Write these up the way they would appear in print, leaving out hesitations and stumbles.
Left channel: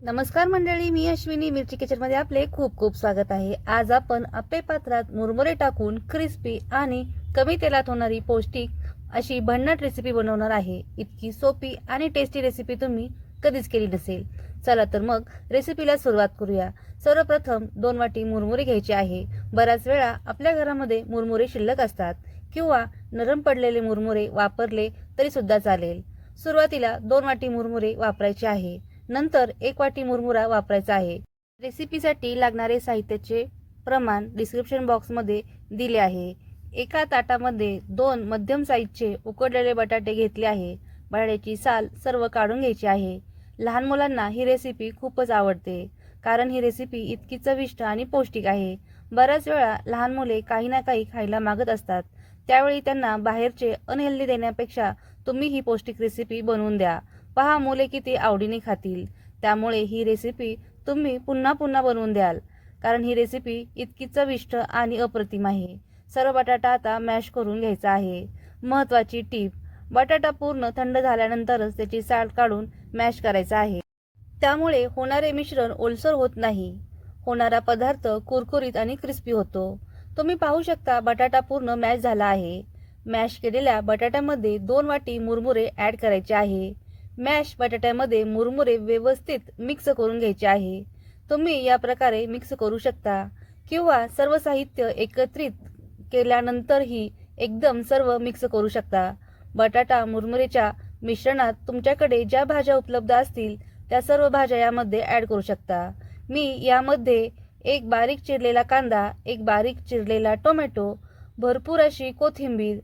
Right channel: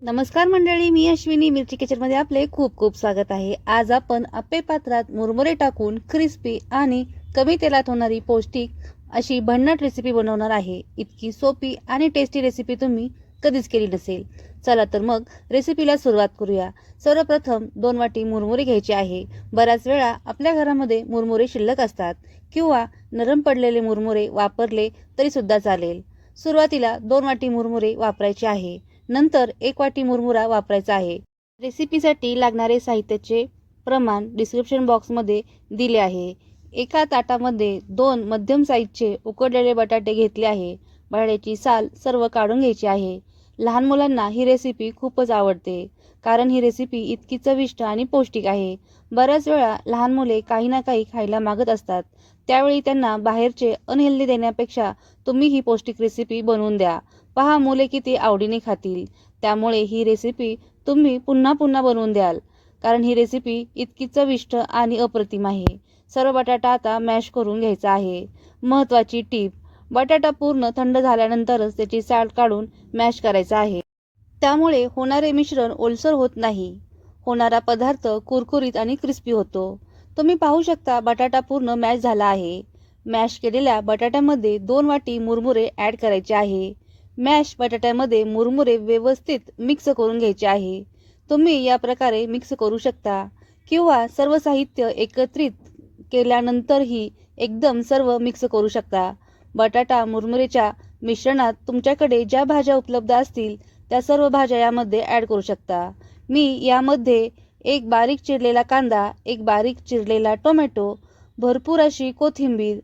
नमस्कार मंडळी, मी अश्विनी मिरची किचनमध्ये आपले खूप खूप स्वागत आहे। आज आपण आप्पे पात्रात मुरमुरे टाकून क्रिस्पी आणि कमी तेलात होणारी पौष्टिक अशी भन्नाट रेसिपी बनवणार आहे। इतकी सोपी आणि टेस्टी रेसिपी तुम्ही कधीच केली नसेल। चला तर मग रेसिपीला सुरुवात करूया। सर्वप्रथम 2 वाटी मुरमुरे घ्यायचे आहे। बऱ्याच वेळा आपल्या घरामध्ये मुरमुरे शिल्लक असतात किंवा नरम पडलेले मुरमुरे वापरले तरी सुद्धा चालेल। सुरुवातीला 2 वाटी मुरमुरे वापरायचे आहे। नंतर 1 वाटी मुरमुरा वापरायचा आहे। रेसिपीसाठी लागणारे साहित्याचे प्रमाण डिस्क्रिप्शन बॉक्समध्ये दिले आहे। एका ताटामध्ये 2 मध्यम साईजचे उकडलेले बटाटे घेतले आहे। बटाट्याची साल सर्व काढून घ्यायची आहे। लहान मुलांना ही रेसिपी खूपच आवडते, कारण ही रेसिपी इतकी चविष्ट आणि पौष्टिक आहे। बऱ्याच वेळा लहान मुले काही ना काही खायला मागत असतात, त्यावेळी त्यांना बाहेरचे अनहेल्दी देण्यापेक्षा तुम्ही ही पौष्टिक रेसिपी बनवून द्या। पहा मुले किती आवडीने खातील। त्यामुळे ही रेसिपी तुम्ही पुन्हा पुन्हा बनवून द्याल, कारण ही रेसिपी इतकी चविष्ट आणि अप्रतिम आहे। सर्व बटाटा आता मॅश करून घ्यायचा आहे। महत्त्वाची टीप, बटाटा पूर्ण थंड झाल्यानंतरच त्याची साल काढून मॅश करायचा आहे। त्यामुळे होणारे मिश्रण ओलसर होत नाही। होणारा पदार्थ कुरकुरीत आणि क्रिस्पी होतो। तुम्ही पाहू शकता बटाटा पूर्ण मॅश झाला आहे। मॅश केलेल्या बटाट्यामध्ये 2 वाटी मुरमुरे ॲड करायचे आहे। मॅश बटाट्यामध्ये मुरमुरे व्यवस्थित मिक्स करून घ्यायचे आहे। तुम्ही या प्रकारे मिक्स करू शकता किंवा सर्व साहित्य एकत्रित केल्यानंतरही एकदम सर्व मिक्स करू शकता। बटाटा मुरमुरेच्या मिश्रणात तुमच्याकडे ज्या भाज्या उपलब्ध असतील त्या सर्व भाज्या यामध्ये ॲड करू शकता। मी यामध्ये एक बारीक चिरलेला कांदा, एक बारीक चिरलेला टोमॅटो, भरपूर अशी कोथिंबीर,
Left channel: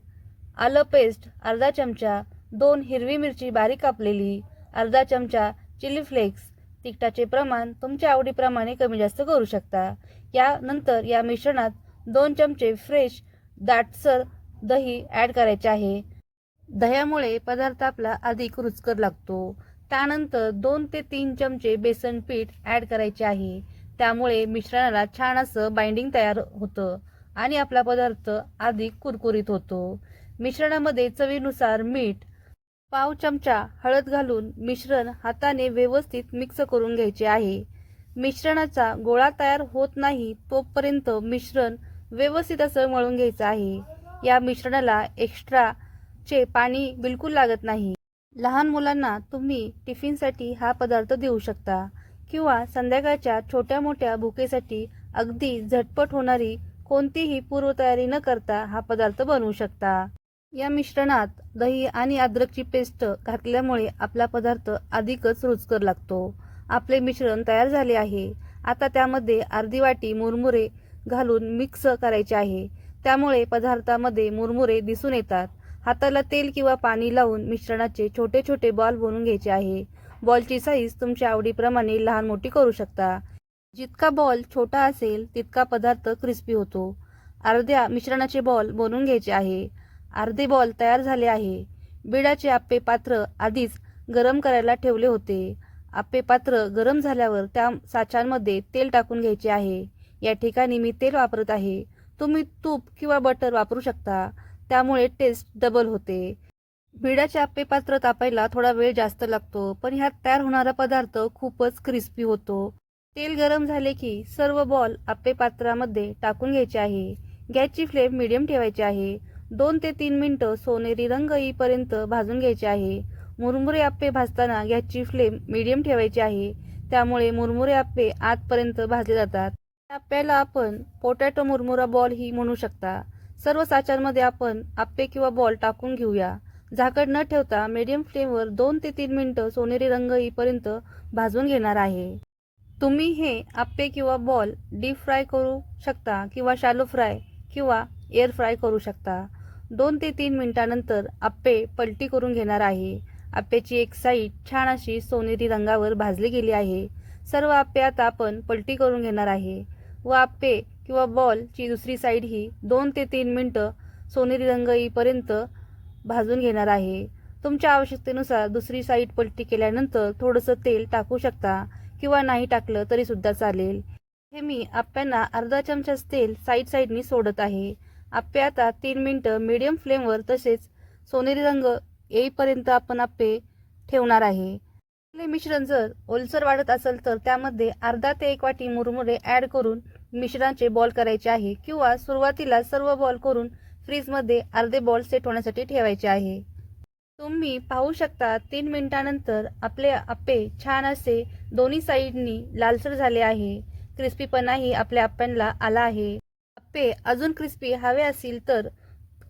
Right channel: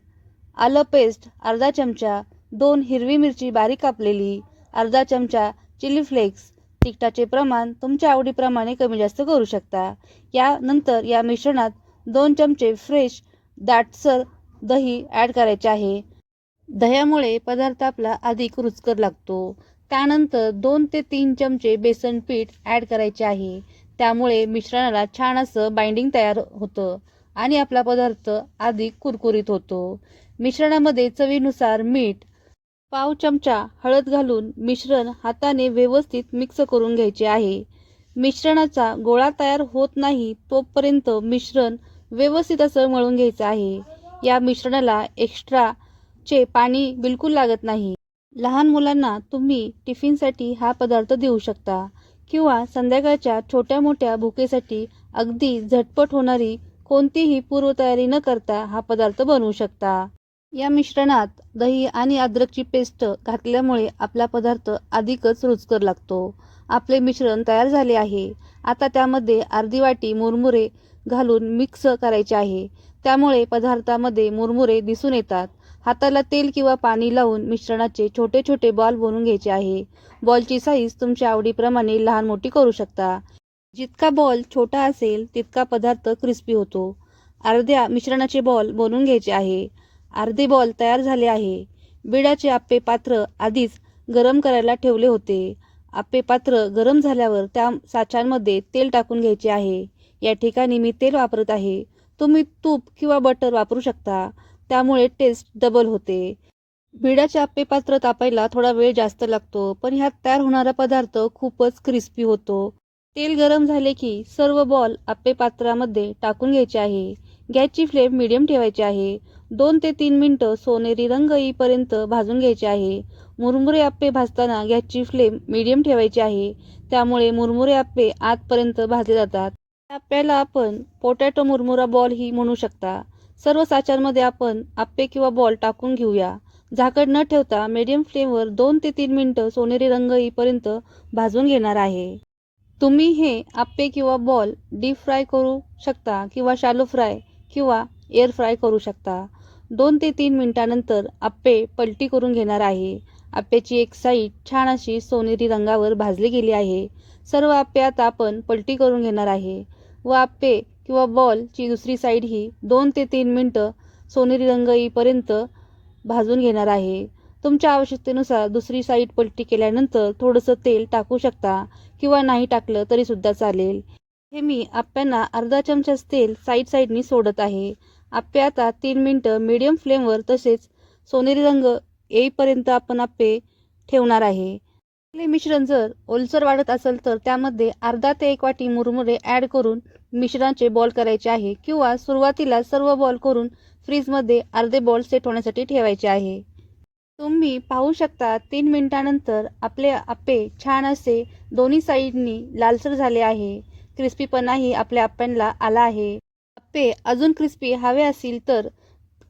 आलं पेस्ट अर्धा चमचा, 2 हिरवी मिरची बारीक कापलेली, अर्धा चमचा चिली फ्लेक्स, तिखटाचे प्रमाण तुमच्या आवडीप्रमाणे कमी जास्त करू शकता। यानंतर या मिश्रणात 2 चमचे फ्रेश दाटसर दही ॲड करायचे आहे। दह्यामुळे पदार्थ आपला अधिक रुचकर लागतो। त्यानंतर 2 ते 3 चमचे बेसन पीठ ॲड करायचे आहे। त्यामुळे मिश्रणाला छान असं बाइंडिंग तयार होतं आणि आपला पदार्थ अधिक कुरकुरीत होतो। मिश्रणामध्ये चवीनुसार मीठ, पाव चमचा हळद घालून मिश्रण हाताने व्यवस्थित मिक्स करून घ्यायचे आहे। मिश्रणाचा गोळा तयार होत नाही तोपर्यंत मिश्रण व्यवस्थित असं मळून घ्यायचं आहे। या मिश्रणाला एक्स्ट्राचे पाणी बिलकुल लागत नाही। लहान मुलांना तुम्ही टिफिनसाठी हा पदार्थ देऊ शकता किंवा संध्याकाळच्या छोट्या मोठ्या भुकेसाठी अगदी झटपट होणारी कोणतीही पूर्वतयारी न करता हा पदार्थ बनवू शकता। या मिश्रणात दही आणि अद्रकची पेस्ट घातल्यामुळे आपला पदार्थ अधिकच रुचकर लागतो। आपले मिश्रण तयार झाले आहे। आता त्यामध्ये अर्धी वाटी मुरमुरे घालून मिक्स करायचे आहे। त्यामुळे पदार्थामध्ये मुरमुरे दिसून येतात। हाताला तेल किंवा पाणी लावून मिश्रणाचे छोटे छोटे बॉल बनवून घ्यायचे आहे। बॉलची साईज तुमच्या आवडीप्रमाणे लहान मोठी करू शकता। जितका बॉल छोटा असेल तितका पदार्थ क्रिस्पी होतो। अर्ध्या मिश्रणाचे बॉल बनवून घ्यायचे आहे। अर्धे बॉल तयार झाले आहे। बिडाचे आप्पे पात्र आधीच गरम करायला ठेवले होते। आप्पे पात्र गरम झाल्यावर त्या साच्यामध्ये तेल टाकून घ्यायचे आहे। या ठिकाणी मी तेल वापरत आहे। तुम्ही तूप किंवा बटर वापरू शकता, त्यामुळे टेस्ट डबल होते। बिडाचे आप्पे पात्र तापायला थोडा वेळ जास्त लागतो, पण ह्यात तयार होणारा पदार्थ खूपच क्रिस्पी होतो। तेल गरम झाले की सर्व बॉल आप्पे पात्रामध्ये टाकून घ्यायचे आहे। गॅसची फ्लेम मीडियम ठेवायची आहे। 2 ते 3 मिनिटं सोनेरी रंग येईपर्यंत भाजून घ्यायचे आहे। मुरमुरे आप्पे भाजताना गॅसची फ्लेम मीडियम ठेवायची आहे, त्यामुळे मुरमुरे आप्पे आतपर्यंत भाजले जातात। या आप्प्याला आपण पोटॅटो मुरमुरा बॉल ही म्हणू शकता। सर्व साच्यांमध्ये आपण आप्पे किंवा बॉल टाकून घेऊया। झाकण न ठेवता मीडियम फ्लेमवर 2 ते 3 मिनिटं सोनेरी रंग येईपर्यंत भाजून घेणार आहे। तुम्ही हे आप्पे किंवा बॉल डीप फ्राय करू शकता किंवा शॅलो फ्राय किंवा एअर फ्राय करू शकता। 2 ते 3 मिनिटांनंतर आप्पे पलटी करून घेणार आहे। आप्प्याची एक साईड छान अशी सोनेरी रंगावर भाजली गेली आहे। सर्व आप्पे आता आपण पलटी करून घेणार आहे व आप्पे किंवा बॉलची दुसरी साईड ही 2 ते 3 मिनिटं सोनेरी रंग येईपर्यंत भाजून घेणार आहे। तुमच्या आवश्यकतेनुसार दुसरी साईड पलटी केल्यानंतर थोडंसं तेल टाकू शकता किंवा नाही टाकलं तरी सुद्धा चालेल। हे मी आप्प्यांना अर्धा चमचाच तेल साईडनी सोडत आहे। आप्पे आता 3 मिनिटं मीडियम फ्लेमवर तसेच सोनेरी रंग येईपर्यंत आपण आप्पे ठेवणार आहे। आपले मिश्रण जर ओलसर वाटत असेल तर त्यामध्ये अर्धा ते 1 वाटी मुरमुरे ॲड करून मिश्रणाचे बॉल करायचे आहे किंवा सुरुवातीला सर्व बॉल करून फ्रीजमध्ये अर्धे बॉल सेट होण्यासाठी ठेवायचे आहे. तुम्ही पाहू शकता 3 मिनिटानंतर आपले अप्पे छान असे दोन्ही साईडनी लालसर झाले आहे. क्रिस्पीपणाही आपल्या अप्प्यांना आला आहे. अप्पे अजून क्रिस्पी हवे असतील तर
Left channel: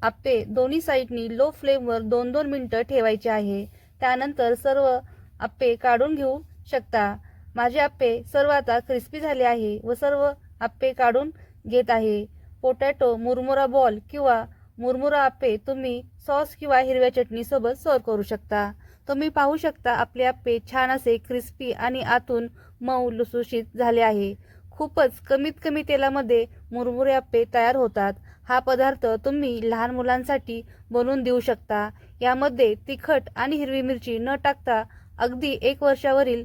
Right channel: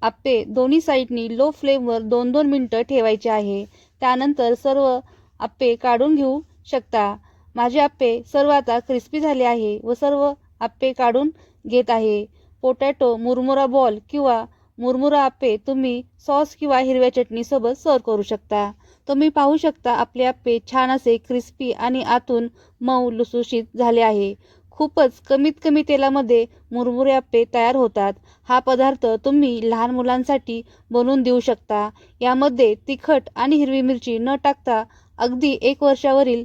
अप्पे दोन्ही साईडनी लो फ्लेमवर 2-2 मिनिटं ठेवायचे आहे. त्यानंतर सर्व अप्पे काढून घेऊ शकता. माझे अप्पे सर्व आता क्रिस्पी झाले आहे व सर्व अप्पे काढून घेत आहे. पोटॅटो मुरमुरा बॉल किंवा मुरमुरा अप्पे तुम्ही सॉस किंवा हिरव्या चटणीसोबत सर्व करू शकता. तुम्ही पाहू शकता आपले अप्पे छान असे क्रिस्पी आणि आतून मऊ लुसलुशीत झाले आहे. खूपच कमीत कमी तेलामध्ये मुरमुरे अप्पे तयार होतात. हा पदार्थ तुम्ही लहान मुलांसाठी बनवून देऊ शकता. यामध्ये तिखट आणि हिरवी मिरची न टाकता अगदी 1 वर्षावरील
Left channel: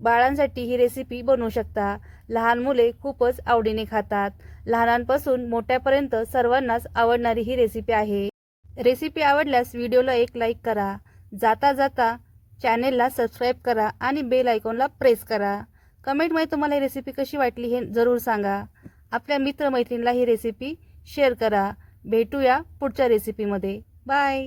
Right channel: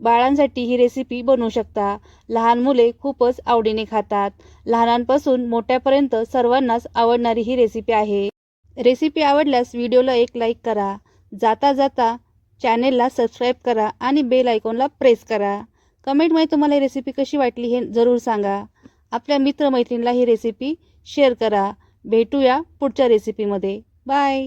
बाळांसाठी ही रेसिपी बनवू शकता. लहान मुले खूपच आवडीने खातात. लहानांपासून मोठ्यापर्यंत सर्वांनाच आवडणारी ही रेसिपी आहे. रेसिपी आवडल्यास व्हिडिओला एक लाईक करा. जाता जाता चॅनेलला सबस्क्राईब करा आणि बेल आयकॉनला प्रेस करा. कमेंटमध्ये तुम्हाला ही रेसिपी कशी वाटली हे जरूर सांगा. आपल्या मित्रमैत्रिणीला ही रेसिपी शेअर करा. भेटूया पुढच्या रेसिपीमध्ये. बाय.